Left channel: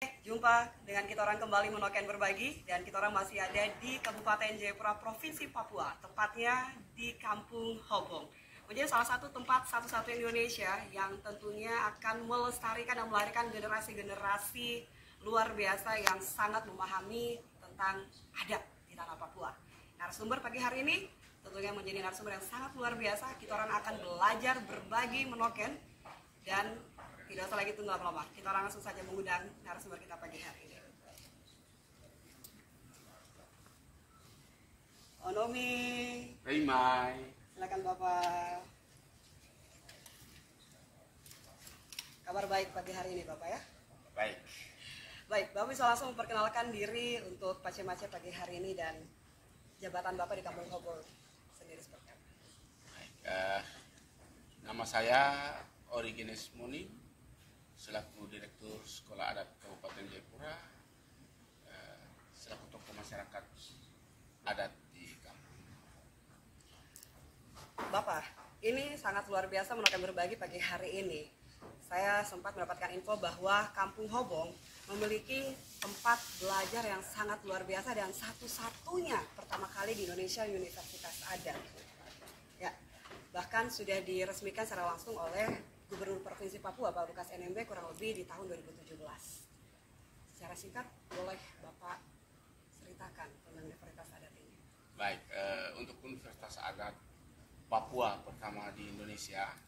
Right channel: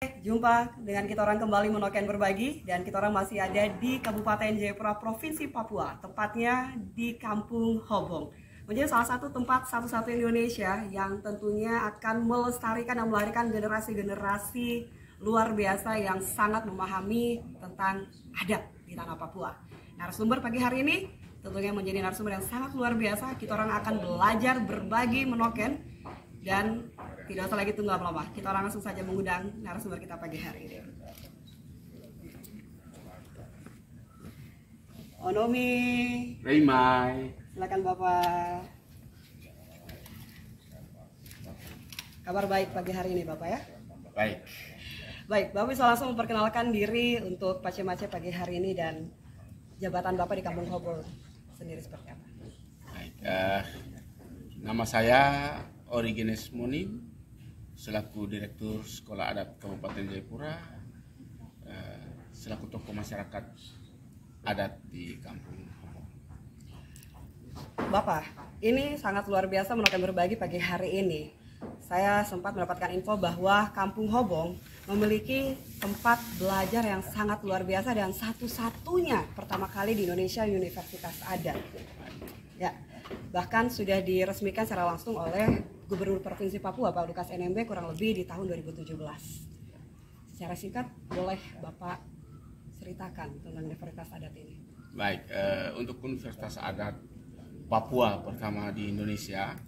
Jumpa dengan kita orang kembali Menoken Berbagi, dan kita orang masih ada di Kabupaten Jayapura, Provinsi Papua, tepatnya di Kampung Hobong. Menjadi salah satu tempat satu-satu Indonesia yang tentunya akan melestarikan dan melahirkan generasi-generasi luar biasa yang sangat memahami tentang adat di tanah Papua. Narasumber pagi hari ini tentunya menjadi narasumber yang sangat luar biasa. Kita orang akan belajar berbagi Menoken, dan tidak usah lagi tunggu lama-lama, kita langsung saja mengundang narasumber kita pagi hari ini. Onomi. Raymai. Silakan Bapak. Kabar baik pagi hari ini Bapak ya? Baik. Baik, Bapak bisa langsung memperkenalkan diri untuk pace-mace pagi hari ini dan jabatan Bapak di Kampung Hobong sendiri seperti apa? Baik. Nama saya Origenes Monim, selaku Direktur Sekolah Adat Kabupaten Jayapura, selaku tokoh masyarakat adat di Kampung Hobong. Bapak, ini sangat luar biasa Menoken Berbagi pagi hari ini. Saya sempat mendapatkan info bahwa Kampung Hobong memiliki tempat belajar yang sangat luar biasa dan satu-satunya pertama kali di Indonesia Universitas Adat. Ya, bahkan sudah diresmikan secara langsung oleh Gubernur Provinsi Papua Pak Lukas NMB kurang lebih di tahun 2017. Secara singkat boleh Bapak ceritakan tentang Universitas Adat ini? Baik, untuk Universitas Adat Papua pertama di Indonesia,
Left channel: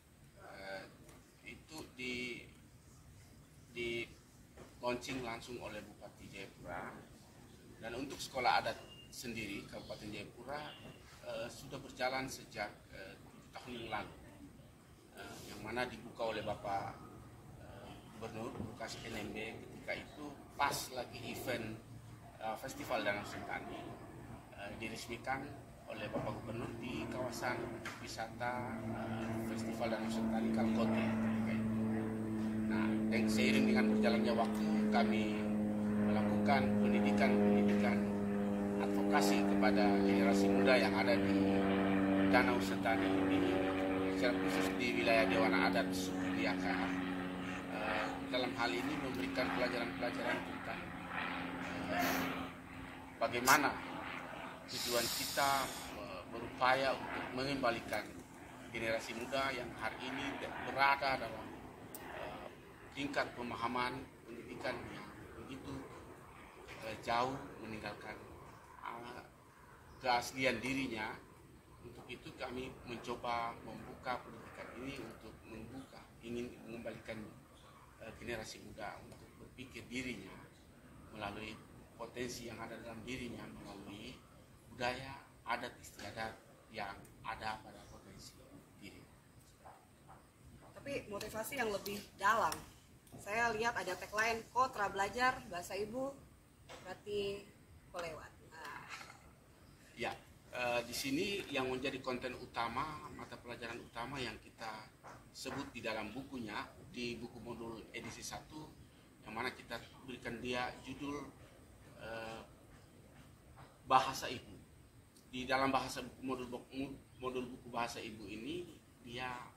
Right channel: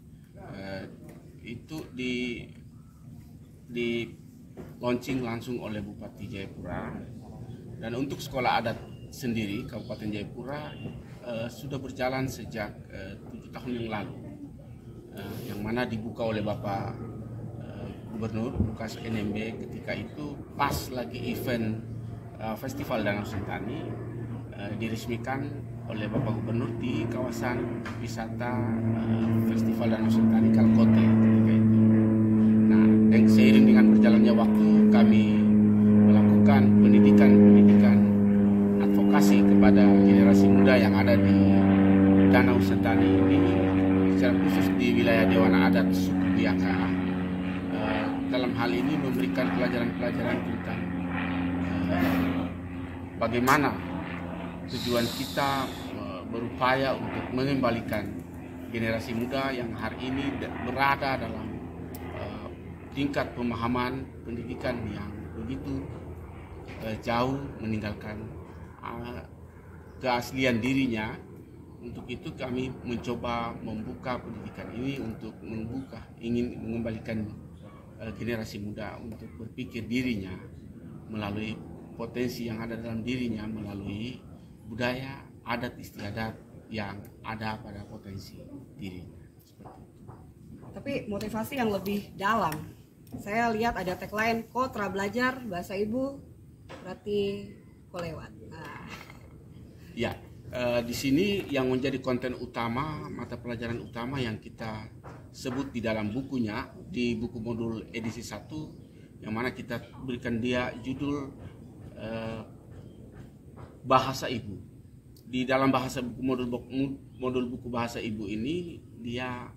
itu di launching langsung oleh Bupati Jayapura. Dan untuk sekolah adat sendiri Kabupaten Jayapura sudah berjalan sejak 7 tahun yang lalu, yang mana dibuka oleh Bapak Gubernur Lukas NMB ketika itu pas lagi event Festival Danau Sentani, diresmikan oleh Bapak Gubernur di kawasan wisata Festival Danau Sentani Kalkote ketika itu. Nah, dan seiring dengan berjalannya waktu, kami melakukan pendidikan advokasi kepada generasi muda yang ada di Danau Sentani ini, secara khusus di wilayah Dewan Adat Suku Biyaka. Dalam hal ini memberikan pelajaran-pelajaran tentang bagaimana tujuan kita berupaya untuk mengembalikan generasi muda yang hari ini berada dalam tingkat pemahaman pendidikan yang begitu jauh meninggalkan keaslian dirinya. Untuk itu kami mencoba membuka pendidikan ini untuk ingin mengembalikan generasi muda untuk berpikir dirinya melalui potensi yang ada dalam dirinya, melalui budaya, adat istiadat yang ada pada potensi dirinya. Tapi motivasi yang lebih dalam, saya lihat ada tagline Kotra Belajar Bahasa Ibu berarti kolewat. Nah. Ya, di sini yang menjadi konten utama, mata pelajaran utama yang kita sebut di dalam bukunya, di buku modul edisi 1, yang mana kita berikan dia judul Bahasa Ibu. Di dalam bahasa buku modul buku Bahasa Ibu ini, dia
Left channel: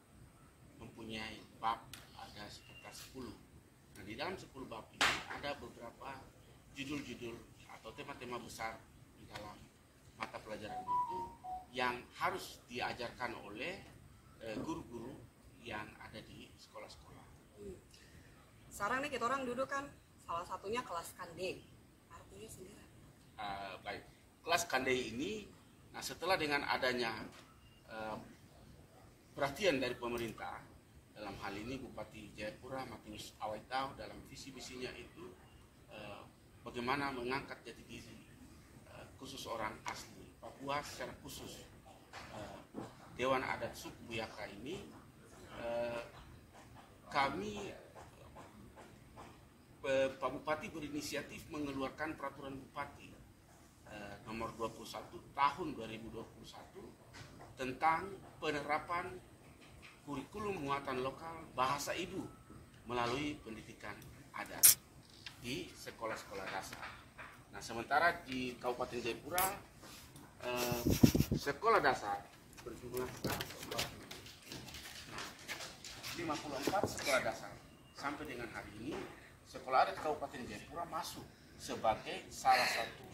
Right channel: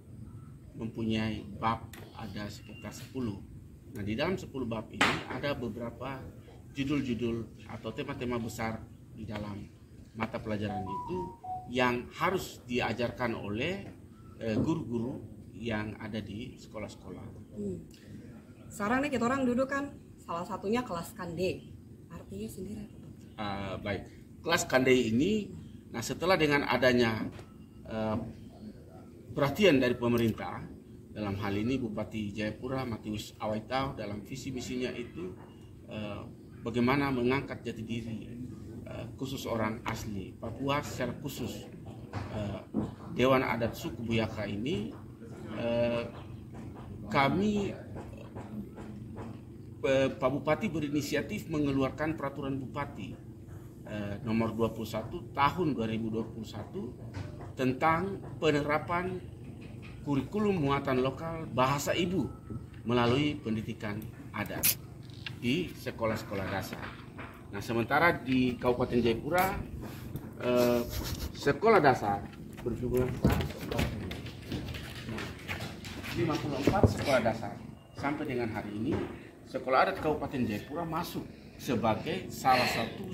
mempunyai bab ada sekitar 10. Nah, di dalam 10 bab ini ada beberapa judul-judul atau tema-tema besar di dalam mata pelajaran itu yang harus diajarkan oleh guru-guru yang ada di sekolah-sekolah. Sekarang nih kita orang duduk kan salah satunya kelas Kande. Artinya sendiri apa? Baik, kelas Kande ini, nah setelah dengan adanya perhatian dari pemerintah, dalam hal ini Bupati Jayapura Matius Awaitau dalam visi misinya itu bagaimana mengangkat jati diri khusus orang asli Papua, secara khusus Dewan Adat Suku Biyaka ini, kami Pak Bupati berinisiatif mengeluarkan peraturan Bupati nomor 21 tahun 2021 tentang penerapan kurikulum muatan lokal bahasa ibu melalui pendidikan adat di sekolah-sekolah dasar. Nah, sementara di Kabupaten Jayapura sekolah dasar berjumlah 54 sekolah dasar sampai dengan hari ini Sekolah Adat Kabupaten Jayapura masuk sebagai salah satu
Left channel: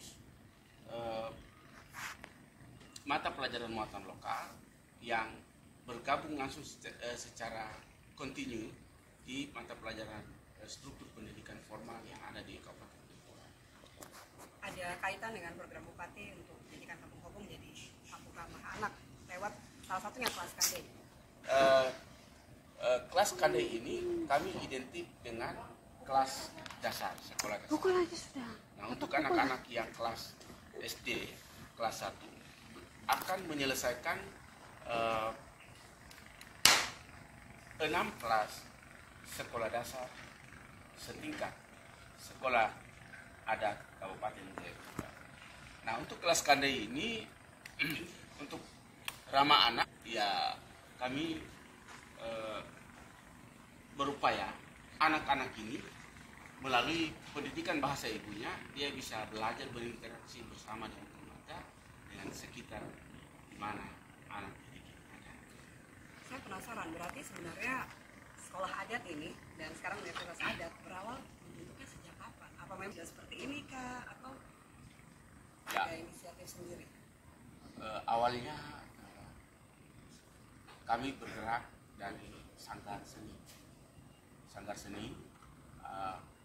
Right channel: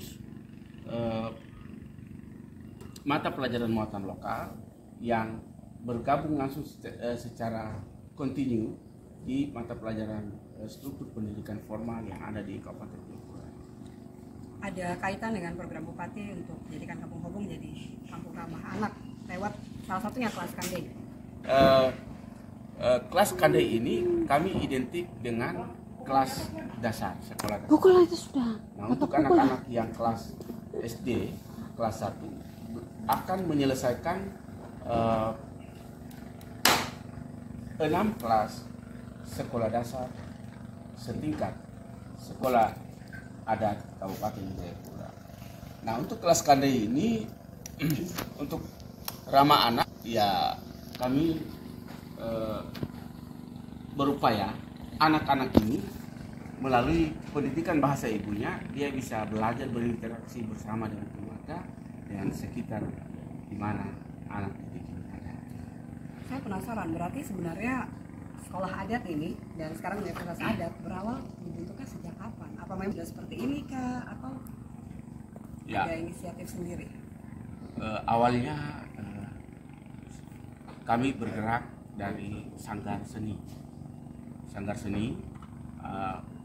mata pelajaran muatan lokal yang bergabung langsung secara kontinu di mata pelajaran struktur pendidikan formal yang ada di Kabupaten Jayapura. Ada kaitan dengan program Bupati untuk menjadikan Kampung Hobong jadi kampung ramah anak lewat salah satunya kelas Kandai. Kelas Kandai ini kami identik dengan kelas dasar, sekolah dasar. Pukul aja sudah. Nah, untuk anak-anak yang kelas SD, kelas 1 akan menyelesaikan 6 kelas sekolah dasar setingkat sekolah adat Kabupaten Jayapura. Nah, untuk kelas Kandai ini untuk ramah anak, ya kami berupaya anak-anak ini melalui pendidikan bahasa ibunya, dia bisa belajar berinteraksi bersama dengan keluarga, dengan sekitar di mana anak didik ini ada. Saya penasaran, berarti sebenarnya sekolah adat ini dan sekarang universitas adat berawal dibentuknya sejak kapan? Apa memang sudah seperti ini kah? Atau Ya. ada inisiatif sendiri? Awalnya kami bergerak dari Sanggar Seni. Sanggar Seni,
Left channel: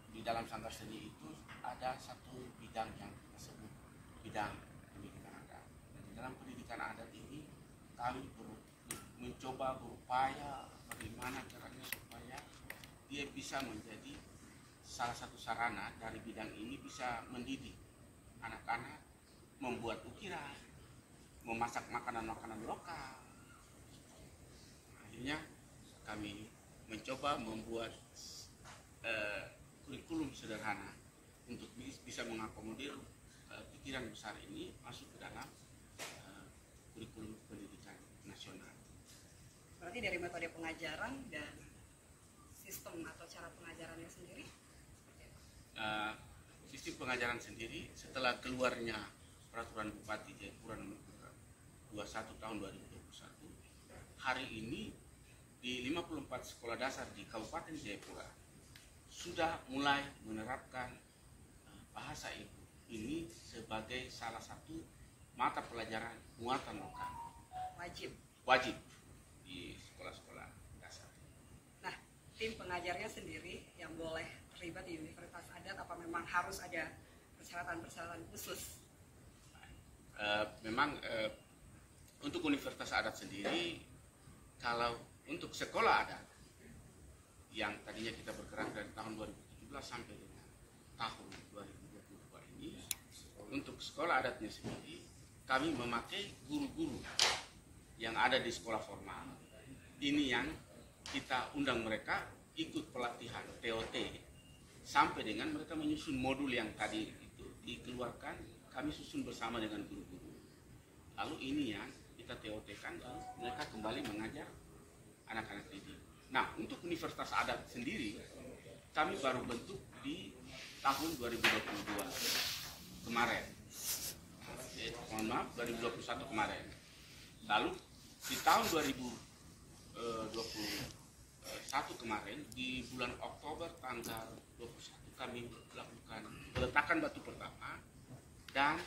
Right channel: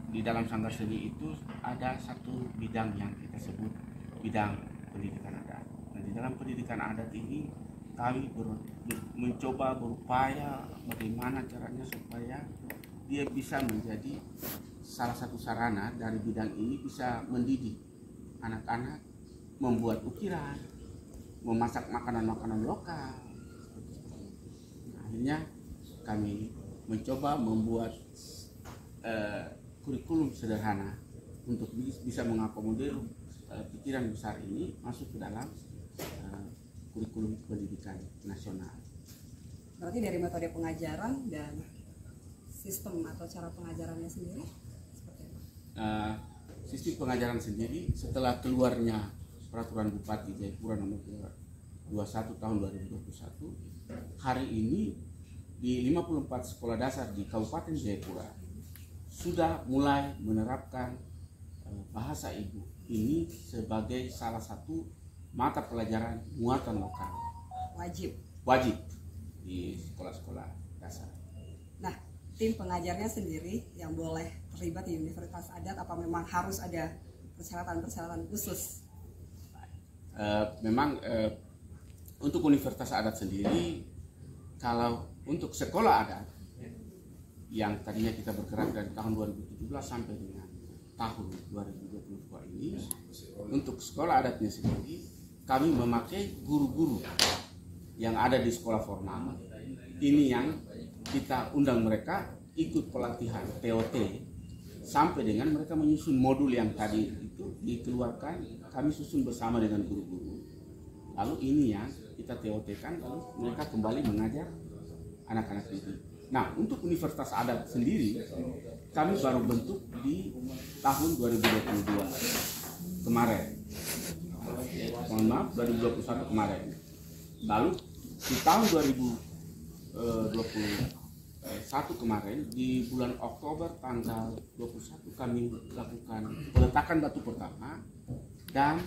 di dalam Sanggar Seni itu ada satu bidang yang kita sebut bidang pendidikan adat. Dan di dalam pendidikan adat ini kami mencoba berupaya bagaimana caranya supaya dia bisa menjadi salah satu sarana dari bidang ini, bisa mendidik anak-anak membuat ukiran, memasak makanan-makanan lokal. Nah, akhirnya kami mencoba membuat kurikulum sederhana untuk bisa mengakomodir pikiran besar ini masuk ke dalam kurikulum pendidikan nasional. Berarti dari metode pengajaran dan sistem atau cara pengajarannya sendiri seperti apa? Sistem pengajaran sendiri setelah keluarnya Peraturan Bupati Jayapura nomor 21 tahun 2021, hari ini di 54 sekolah dasar di Kabupaten Jayapura sudah mulai menerapkan bahasa ibu ini sebagai salah satu mata pelajaran muatan lokal. Wajib di sekolah-sekolah dasar. Nah, tim pengajarnya sendiri yang boleh terlibat di Universitas Adat, apa memang harus ada persyaratan-persyaratan khusus? Memang untuk Universitas Adat sendiri, kalau untuk sekolah adat yang tadinya kita bergerak dari tahun 2017 sampai dengan tahun 2022 ini, untuk sekolah adatnya sendiri kami memakai guru-guru yang ada di sekolah formal. Ini yang kita undang mereka ikut pelatihan TOT sampai dengan mereka menyusun modul yang tadi itu dikeluarkan, kami susun bersama dengan guru-guru. Lalu ini yang kita TOT-kan, lalu mereka kembali mengajar anak-anak didik. Nah, untuk Universitas Adat sendiri kami baru bentuk di tahun 2022 kemarin. Mohon maaf, 2021 kemarin. Lalu di tahun 2021 kemarin, di bulan Oktober tanggal 21 kami lakukan peletakan batu pertama dan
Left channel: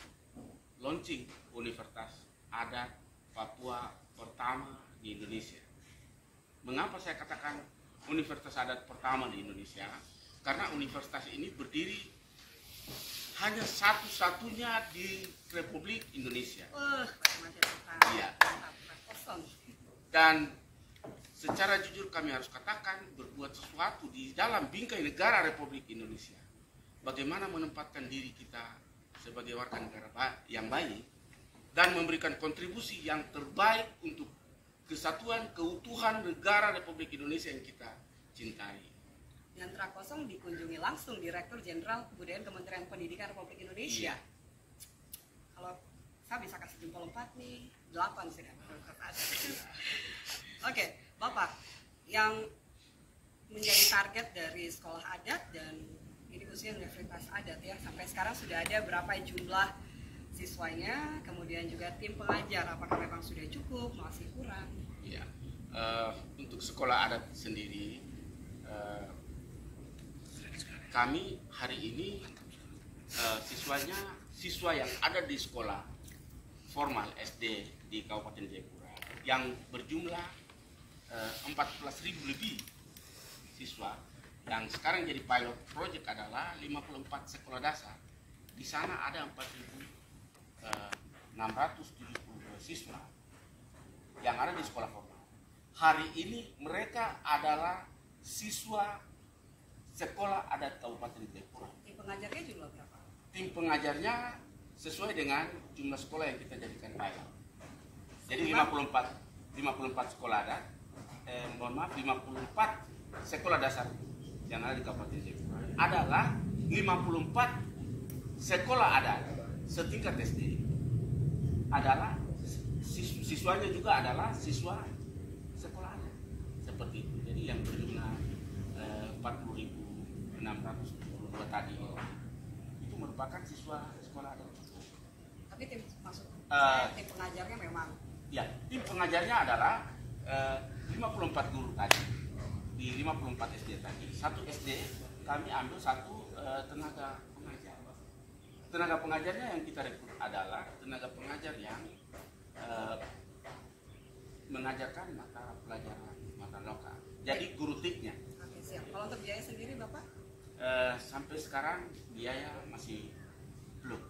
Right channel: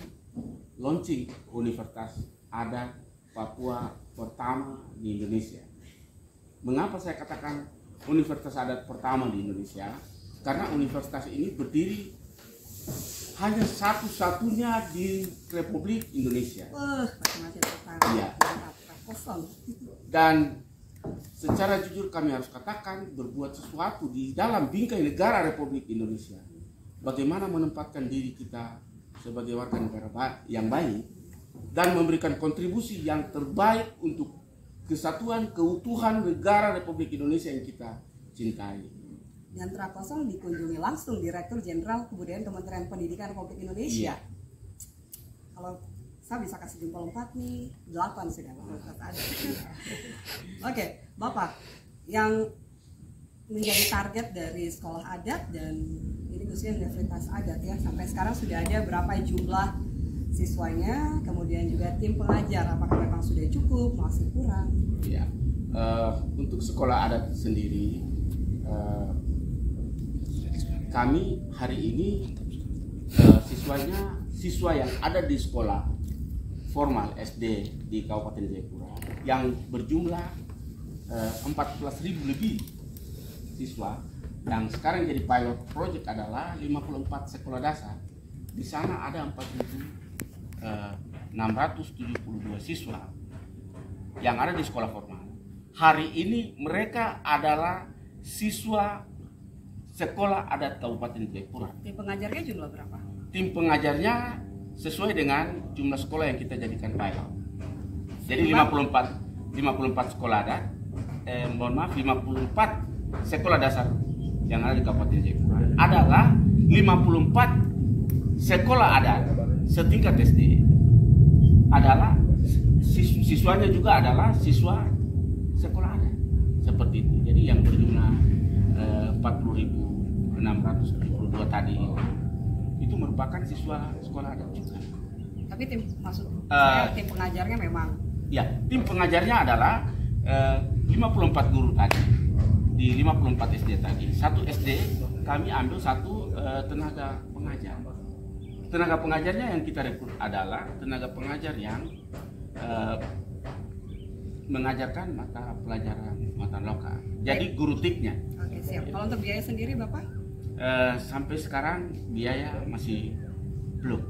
launching Universitas Adat Papua pertama di Indonesia. Mengapa saya katakan Universitas Adat pertama di Indonesia? Karena universitas ini berdiri hanya satu-satunya di Republik Indonesia. Macam-macam pertama. Iya. Kosong. Dan secara jujur kami harus katakan, berbuat sesuatu di dalam bingkai negara Republik Indonesia. Bagaimana menempatkan diri kita sebagai warga negara yang baik dan memberikan kontribusi yang terbaik untuk kesatuan keutuhan negara Republik Indonesia yang kita cintai. Dan Trakosong dikunjungi langsung Direktur Jenderal Kebudayaan Kementerian Pendidikan Republik Indonesia. Iya. Kalau saya bisa kasih jempol 4 nih, 8 sudah. Oke, Bapak, yang menjadi target dari sekolah adat dan ini khususnya Universitas Adat ya, sampai sekarang sudah ada berapa jumlah siswanya, kemudian juga tim pengajar, apakah memang sudah cukup, masih kurang? Ya, untuk sekolah adat sendiri kami hari ini siswa yang ada di sekolah formal SD di Kabupaten Jayapura yang berjumlah 14.000 lebih siswa, yang sekarang jadi pilot project adalah 54 sekolah dasar. Di sana ada 4.672 siswa yang ada di sekolah formal. Hari ini mereka adalah siswa sekolah adat Kabupaten Jayapura. Tim pengajarnya jumlah berapa? Tim pengajarnya sesuai dengan jumlah sekolah yang kita jadikan pilot. Jadi 54 sekolah adat, 54 sekolah dasar yang ada di Kabupaten Jayapura adalah 54 sekolah adat setingkat SD. Adalah siswanya juga adalah siswa sekolah adat. Seperti itu. Jadi yang berjumlah 40.672 tadi itu merupakan siswa sekolah adat juga. Tapi tim pengajarnya memang ya, tim pengajarnya adalah 54 guru tadi di 54 SD tadi. Satu SD kami ambil satu tenaga pengajar. Tenaga pengajarnya yang kita rekrut adalah tenaga pengajar yang mengajarkan mata pelajaran mata lokal. Jadi guru tiknya. Oke, siap. Kalau untuk biaya sendiri Bapak? Sampai sekarang biaya masih belum.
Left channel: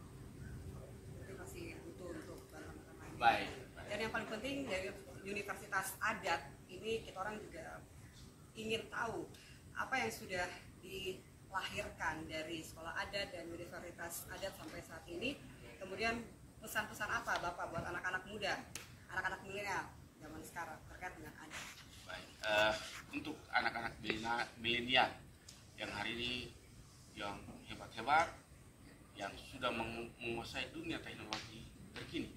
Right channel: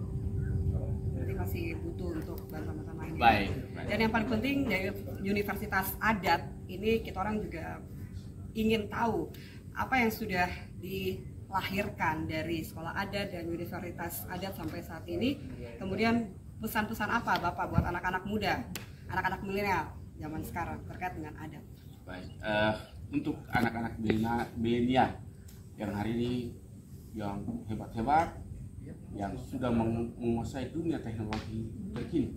Berarti masih butuh untuk bantuan lain. Baik. Dan yang paling penting dari Universitas Adat ini kita orang juga ingin tahu apa yang sudah dilahirkan dari sekolah adat dan Universitas Adat sampai saat ini. Kemudian pesan-pesan apa Bapak buat anak-anak muda, anak-anak milenial zaman sekarang terkait dengan adat? Baik. Untuk anak-anak milenial yang hari ini yang hebat-hebat, yang sudah menguasai dunia teknologi terkini,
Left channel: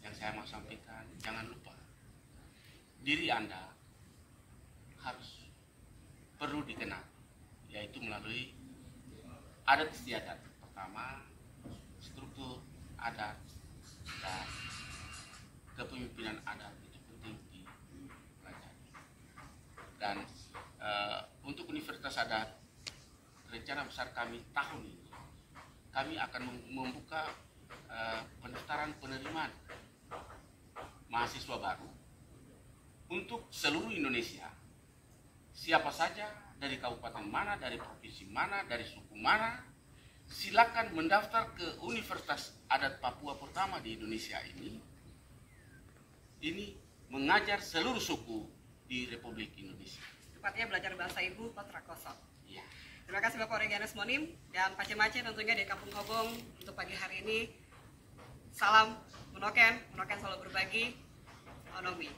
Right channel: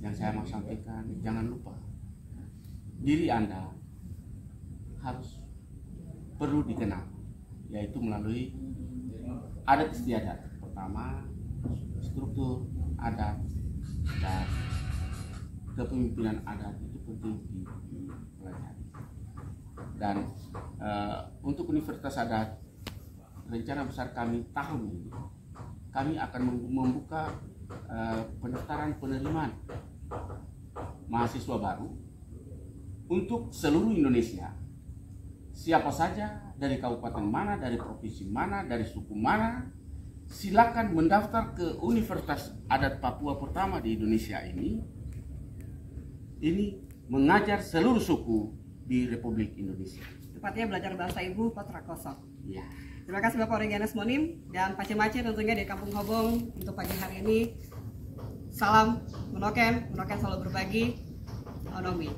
yang saya mau sampaikan, jangan lupa diri Anda harus perlu dikenal, yaitu melalui adat istiadat. Pertama, struktur adat dan kepemimpinan adat itu penting dipelajari. Dan untuk Universitas Adat, rencana besar kami tahun ini, kami akan membuka pendaftaran penerimaan mahasiswa baru untuk seluruh Indonesia. Siapa saja dari kabupaten mana, dari provinsi mana, dari suku mana, silakan mendaftar ke Universitas Adat Papua pertama di Indonesia ini. Ini mengajar seluruh suku di Republik Indonesia. Tepatnya belajar bahasa ibu Patrakoso. Ya. Terima kasih Bapak Regianus Monim dan Pak Cemace tentunya di Kampung Hobong untuk pagi hari ini. Salam Munoken selalu berbagi. Onomi.